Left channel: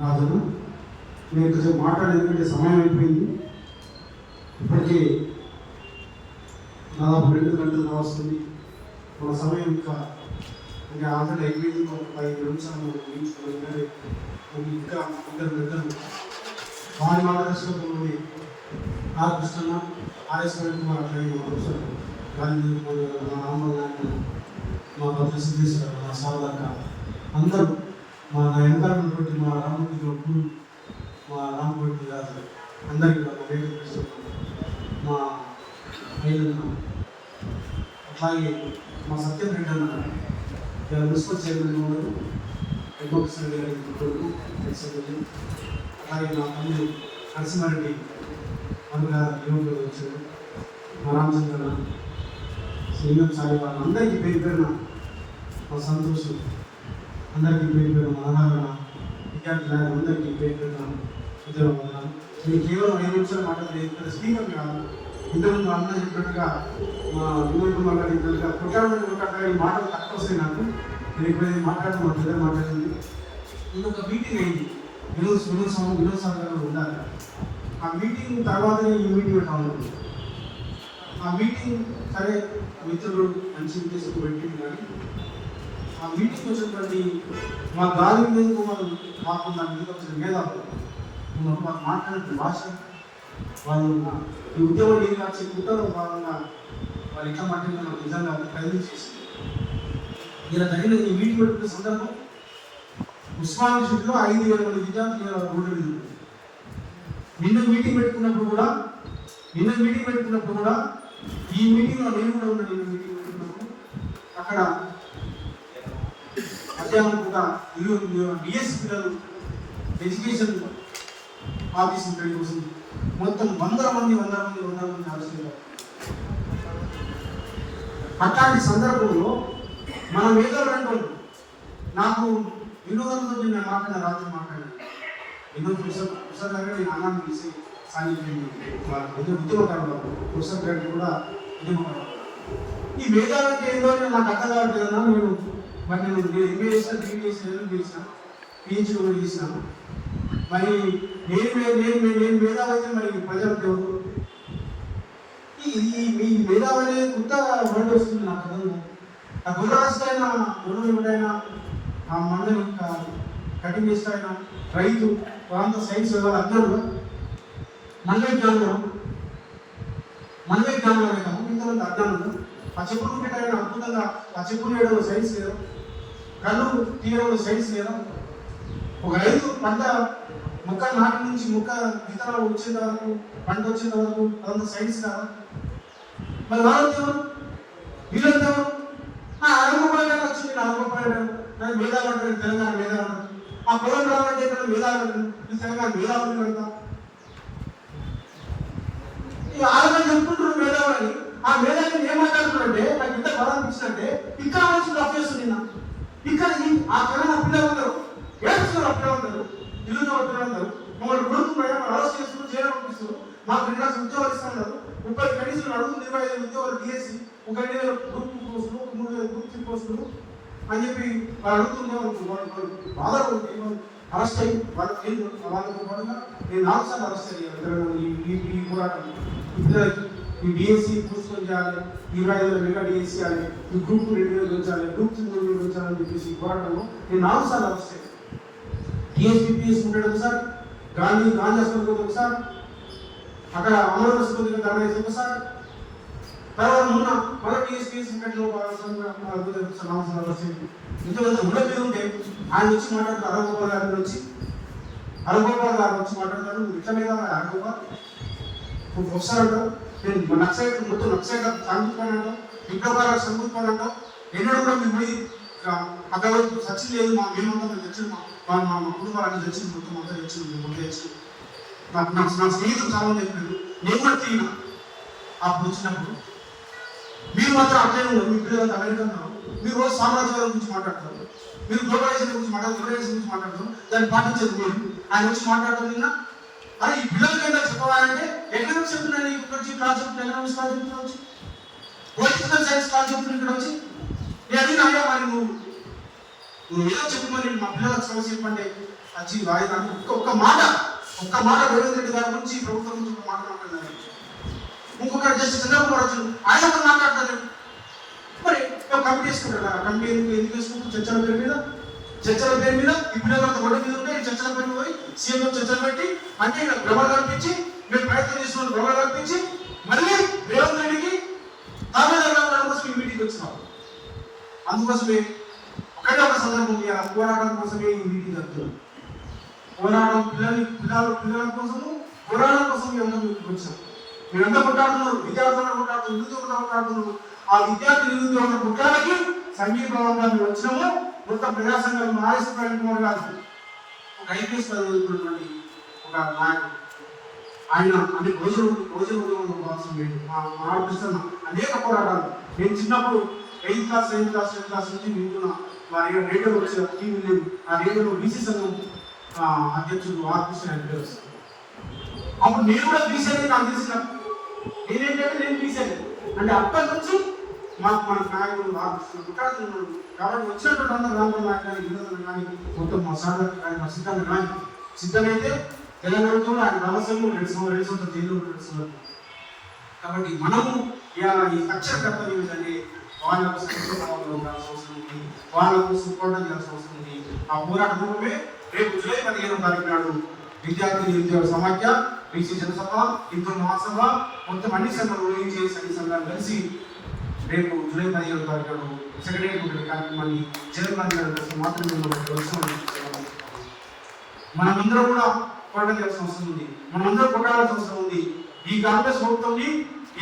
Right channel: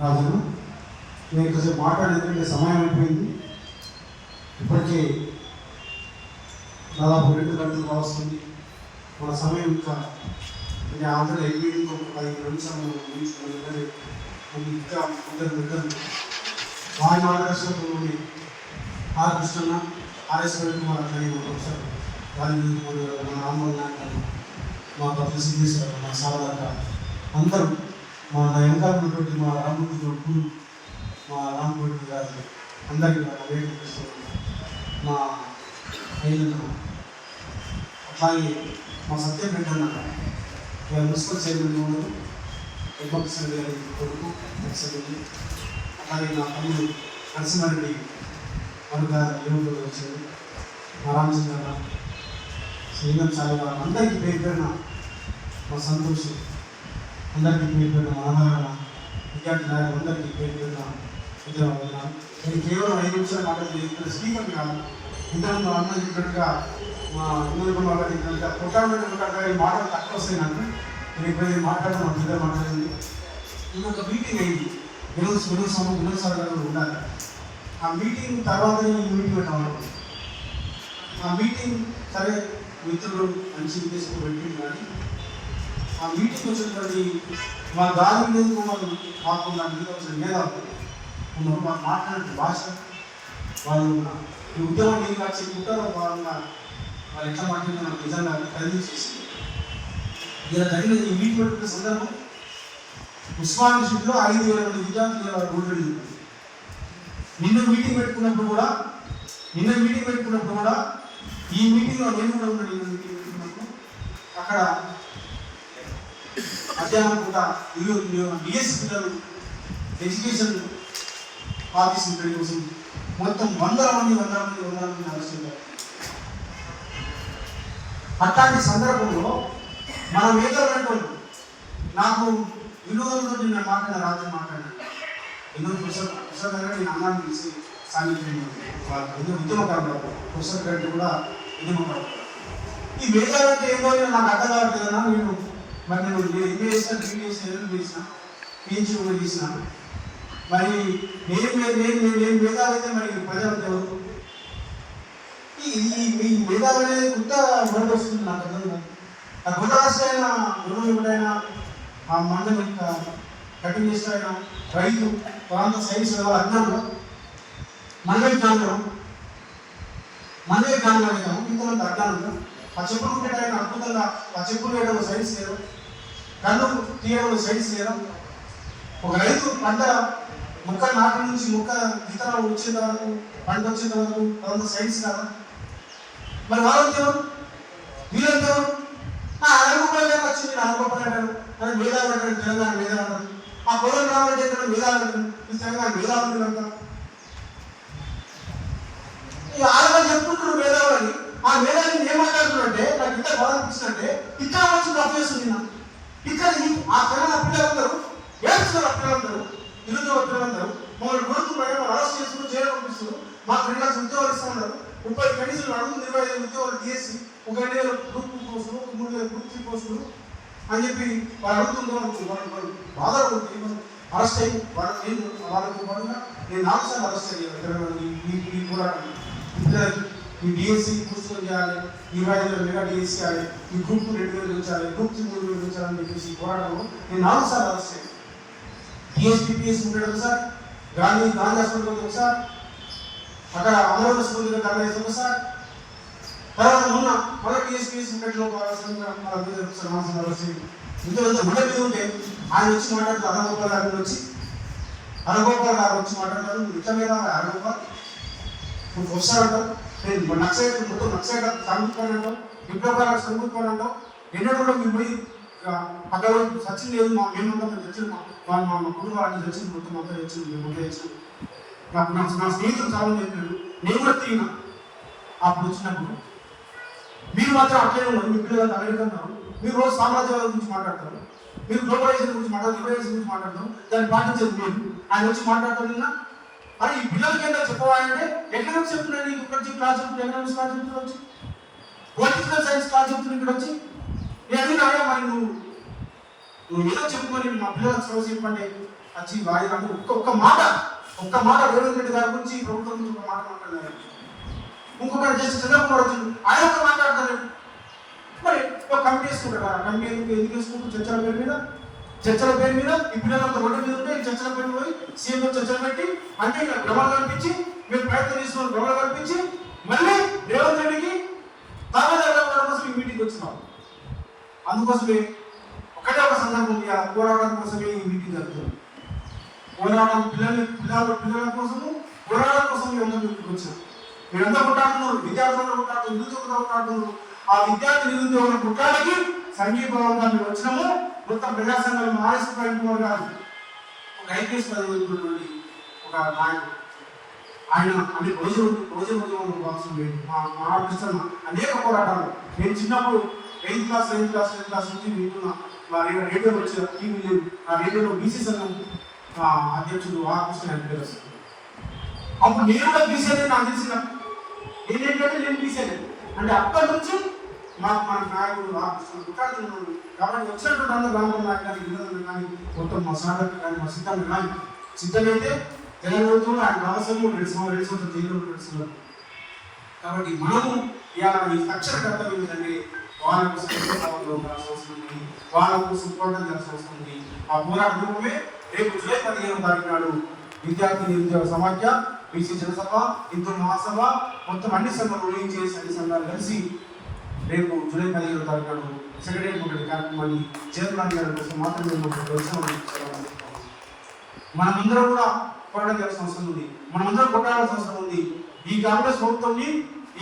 రాజన్న నేను ఇంతసేపు మాట్లాడేందుకంటే సమయం అయిపోయింది. ఇప్పటికే దాదాపు రెండు గంటలు వస్తుంది మన సమయం ఇంకా ఇది ఆంధ్ర ఎనిమిది ఐదు నిమిషాలు మనం ఇంకా ఇద్దరు దగ్గర వారి మార్గదర్శకంలోని ఆర్ కృష్ణ ఆర్ఎస్ కుమార్ అట్లాగే మా ప్రొఫెసర్ రాజేంద్ర మోడీ గారు మా రామ్మోహన్ నాయక్ మా ప్రొఫెసర్ సిద్ధేశ్వర మా సారదాక అందరూ మా వెనకాల మా రామూర్తి కొడుకులు మా రామూర్తి గారు అందరికీ నా పేరు మా నేను అట్లాగే మా సత్యం రెడ్డి అన్న మున్సిపల్ చైర్మన్ ఉన్నారు ఎమ్మకృష్ణ గారి కొడుకు ఎక్సెల్ అలాగే నా తమ్ముడు నరసింహారెడ్డి అరుగా యువకులు వచ్చారు. మా రామచంద్ర శ్రీలం సాయి గారు అందరికీ పేరు పేరున మా సంతోషం. అందరికీ పేరు పేరున మా అన్నగారు విద్యార్థులు అందరికీ పేరు పేరున ఉద్యోగం వదనాలు నేను కేవలం ఐదు నిమిషాలు మాట్లాడలేదు స్పీకర్ కాదు. ఇంతకుముందు అన్న చెప్పినట్టుగా మా ఊరు వాళ్ళ చెప్పినట్టుగా ప్రొక్రామెంట్ ఉంటాడుగా ఈ మాటలు తక్కువ వస్తాయి నాకు నేను మాట్లాడడం మా మాట్లాడింది ఇది ఒక మీటింగ్ అయింది. వినోద్ వినోద్ స్వామి వినోద్ సార్ గారు ఉండాలి ఆ మీటింగ్ తర్వాత ఈ మీటింగ్ పెట్టాలి ఆ మీటింగ్ సరే మిత్రులు మంచి ఉద్దేశంతో పెట్టింది కానీ ఆ మీటింగ్ వచ్చినటువంటి మా గాలి కుమార్ మాకు నా మీద వచ్చిన మేధావులు ఉన్నారు మాకు మాట్లాడే భాష. వాళ్ళు ఈ ఉద్యోగం ఏం వచ్చి కుట్రలో భాగంగా వాళ్ళు ఎట్లా మాట్లాడిన నిజంగా ఖరీదు చేసి ఇలా జరిగిన ఈ మీటింగ్ పెట్టుకున్న సందర్భం ఉస్మాన్ యూనివర్సిటీలో ఐదు వేల మంది విద్యార్థులు రోడ్డు నిన్న మీటింగ్ పెట్టుకున్నప్పుడు కూడా నిన్న మీటింగ్ పెట్టుకున్నప్పుడు కూడా ఈ మీటింగ్లో నేను కూడా ఉన్నాను నిన్న మీటింగ్ పెట్టుకున్నప్పుడు. అక్కడ మధ్యాహ్నం కూడా బిఎస్సి పిల్లలు ఎడ్యుకేషన్ ఆఫీస్ ఇక్కడి కోసం మొత్తం వందల మంది వందల మంది వందల మంది అవసరం అట్లాంటి సందర్భంలో మనం ఏదో రెండు నాకు వినోదంతో నేను మాట్లాడిన రాత్రి మాట్లాడినాను వినోద్ ప్రసాద్ ప్రసాద్ గారు నేను అన్నాన్ని తీసి సాన్నిధ్యం ఏదో ఉద్యమకారులు ప్రసాద్ గారికి కూడా ఉద్యమకారులు ఈ వేదాలు అంటే ఏందో నాకు అర్థం కావట్లేదు నేను మరి నేను ఎంఏ చేసిన బీఏ చేసిన ఎల్ఎల్ చేసిన పిహెచ్డి కూడా చేసిన మరి నేను నేను నేను మేధావైతే మరి ప్రజలు ఈ మీ వేదాలు అనేది కొత్త బండి వస్తుంది నాకు అర్థం నా ఆ గుణరాశైన గుణముడైన ఆ మందు యొక్క కటింగ్ చేస్తాడైనా రైతు ప్రాంత సైన్స్ అందరూ మనమే జ్ఞానం మనమే జ్ఞానం అనేదాము ఇందులో అజ్ఞానం ఆ చెప్పులు పెట్టాయన అద్భుతంగా ఆ చెప్పులు సైన్స్ లేదా కన్ను తీయడం సైన్స్ లేదా? ఒక రైతు పంట ముక్క నాటి నుంచి ముక్క విత్తనాలు వచ్చేంత వరకు పంట వచ్చేంత వరకు అదంతా సైన్స్ కాదా? మరి వాళ్ళకి ఎవరు నా ఎవరు అరవై రూపాయలు వచ్చింది? నాలుగు రూపాయలు నాకు మేధావి అంటారు తెలంగాణ మేధావి అంటారు ఆ పొలం రావాలంటే ఇక్కడ మేధావి అంటారు ఈ తెలంగాణ మేధావులు కదా ఈ ఆడవాళ్ళు చెప్పుకుంటున్నారు మేధావులని. ఆ మేధావిని ఏం మాట్లాడుతున్నారంటే నాకు ఇంత బాధ అనిపిస్తుందంటే ఇక్కడ వచ్చి తప్పు చేస్తుంది నా ఇక్కడ ఆ తెలంగాణ పిల్లలందరూ ఏడుస్తున్నారు ఆ పిల్లలందరూ ఇల్లు పిల్లలందరూ మమ్మల్ని కొడుతున్నాయి మమ్మల్ని అరెస్ట్ చేస్తున్నారు జైలు పంపిస్తున్నారు. మా ఫ్రెండ్స్ ఉద్యోగాలు ఇస్తున్నారు. ముప్పై కనీసం అడుగు ఇరవై ఐదు ఉద్యోగాలు తీసి ఒక రెండు వేల గ్రూప్ టూ పోస్టులు ఒక మూడు వేల గ్రూప్ త్రీ పోస్టులు అని చెప్పి వాళ్ళు అడుగుతున్నారు బాధపడుతుంది అరెస్ట్ అయ్యి వాళ్ళు నేను వాళ్ళతో నేను నాలుగు సార్లు అరెస్ట్ అయ్యాను. ఈ ఈ పోరాటం. ఇద్దరు ఈ డిఎస్సి పుస్తకం చేయాలి ఇరవై ఐదు మెగా డిఎస్సి చేయాలి ఈ గ్రూప్ రెండు వేలు ఉంచాలి గ్రూప్ త్రీ మూడు వేలు ఉంచాలని చెప్పేసి పోరాటము నేను నాలుగు సార్లు రాస్తాను అయ్యాను డిఎస్పీ పిఎస్ ఉండేది ఒకసారి గాంధీ గాంధీ హాస్పిటల్ ఒకసారి అక్కడ అమర హాస్పిటల్ గాంధీ ఒకసారి తర్వాత మొన్న మన టీఎస్పీఎస్ ఉండేట్లో ఇందులో మొదటి ఉంటే ఆయన వచ్చి మాట్లాడుతూ అరగోపాల్ గారు వచ్చి. అరగోపాల్ గారు వచ్చి మాట్లాడతారు ఇట్లా మీద అరగోపాల్? నువ్వు వస్తాడు నేను నక్సైట్ మొత్తం నక్సైట్ కానుకున్నాను విప్లవాల చదువుకున్నాను ఎన్నడూ కూడా మేము పోయి అక్కడ సచిన్ లేదు. మా మేము ఉంటాం మేము తెచ్చిన మా మా మా కుటుంబాన్ని తెచ్చింది మొత్తం మొత్తం తెచ్చింది మేము మొత్తం తెచ్చింది నాకు నా నా స్నేహితులు చాలా చెప్పారు నేను కూడా తిరిగిన. ఆ వచ్చినప్పుడు మీరు మాత్రం అట్లే ఉన్నారు. మీ పిల్లలు అమెరికా ఉన్నారు. మీరు రోజు సామాజికవాద గురించి మాట్లాడతారు. మీరు గ్లోబలైజేషన్ గురించి మాట్లాడతారు. గ్లోబలైజేషన్ గురించి మాట్లాడతారు. దాన్ని పాటించేది మీరు. ఆయన వచ్చి మాట్లాడుతున్నా అని ఈ పిల్లలకి ఏదో చెప్పవాలంటే ఎకనామిక్స్ చెప్తున్నాను ఇక్కడ వచ్చి క్లాస్ చెప్తున్నాను ఎకనామిక్స్ క్లాస్ చెప్తున్నా వచ్చి? పొలిటికల్ సైన్స్ క్లాస్ చెప్తున్నా ఇక్కడ వచ్చి? నేను అడిగినా మరి నువ్వు నువ్వు ఏదో చెప్పుకొని మా పిల్లలకు సమస్య చెప్పండి. వచ్చి వాయిదా అంటే ఒక్క ఒక్క మాట ఒక్క మాట రేవంత్ రెడ్డి గారి గురించి ప్రభుత్వం గురించి ఒక మాట మాట్లాడారు ఇంకొకరు జస్ట్ చంద్రబాబు వచ్చి ఆయన ఒక మాట్లాడతారు. మరి ఒక కమిటీ వేసుకుంటారా? కమిటీ ఎందుకు ఎందుకు వేసుకుంటారు? చర్చల పేరు మీద? చర్చల పేరు మీద ఇప్పుడు కొంత రోడ్డు మీద ఉంటే చర్చల పేరు పోయి సీఎం గారు చర్చలు పెట్టి అంటే ఇక్కడ భ్రమలు కల్పించి మీరు ప్రయత్నం చేస్తున్నాం భ్రమలు కల్పించి మళ్ళీ రేవంత్ రెడ్డికి తామే జరగడం కోసం ఈ మీటింగ్ వచ్చినారు అందుకోసమే ఒకటే ఒక సందర్భం ఉంది ఆ పోరాటం కోసమే ఈ మీటింగ్ జరుగుతుంది. పోరాటం పిల్లలు పిల్లల పిల్లల కోసము పోరాటం కోసం మేమంతా మీటింగ్ వచ్చాం మీరంతా కొట్టాడుతున్నారు విద్యార్థులు కొట్టాడుతున్నారు నిరుద్యోగులు కొట్టాడుతున్నారు ఆ విద్యార్థి నిరుద్యోగుల కొట్టానికి సంఘీభావంగా మేము వచ్చినాము. మొత్తం ప్రజా సంఘం కాదు. ఒక ఐపీఎస్ చదువుతున్నటువంటి ఒక నాయకుడు. ఆయన అంటే రోజు రోజు ఉద్యోగం భాగం లేదు మా మా అనేక పోరాటాలు. నేను చిన్నప్పుడు eighth class ninth class tenth class నుంచి వింటున్నా మా రేడియో రేడియో వచ్చి టీవీ లేవు. ఆ రేడియోలో బీసీ సంఘం అధ్యక్షుడు ఆకృష్ణ అని పేరు వస్తుంది అప్పుడు నేను కూడా బీసీ అనేది నాకు తెలిసిన. నేనేంటంటే నేను బీసీ అంటే అప్పటి నుంచి మాకు మన నాయకుడు ఆకృష్ణ కాబట్టి వచ్చినటువంటి అందరూ రామరావు నాయకు కానీ వినోదం కానీ గౌతమ్ మా సాగర్ కానీ మా సిద్ధాంత కానీ సిద్ధమైతే తెలంగాణలో ఆయన నలసంలో రెండు సంవత్సరాలు రెండు సంవత్సరాలు జైల్లో రెండు సంవత్సరాలు కాబట్టి మనము ఇలా ఈ అక్షర తప్పని ఏంటంటే వాళ్ళ కోసం సుఖాలు ఉండాల్సిన అవసరం ఉంది వాళ్ళ కోసం పోరాటం చేయాల్సిన అవసరం ఉంది. ఆ పోరాట రూపమే రేపు జూలై పదిహేను తారీఖు నాడు విద్యార్థి నిరుద్యోగ సమాఖ్య బీసీ జనసభ హిందూ మహాసభ మొత్తం అన్ని సభలు ఊహించేసి అన్ని సంఘాలు కలిసి రేపు జూలై పదిహేను తారీఖు నాడు సెక్రటరీ బోర్డు కార్యక్రమాన్ని చైర్మన్ గారి కోసం మాత్రమే మేము మనమందరం కూడా పోరాటం చేయాల్సిన అవసరం ఉంది. మనమందరం కొట్టాల్సిన అవసరం ఉంది. ఈ కాంగ్రెస్ ప్రభుత్వం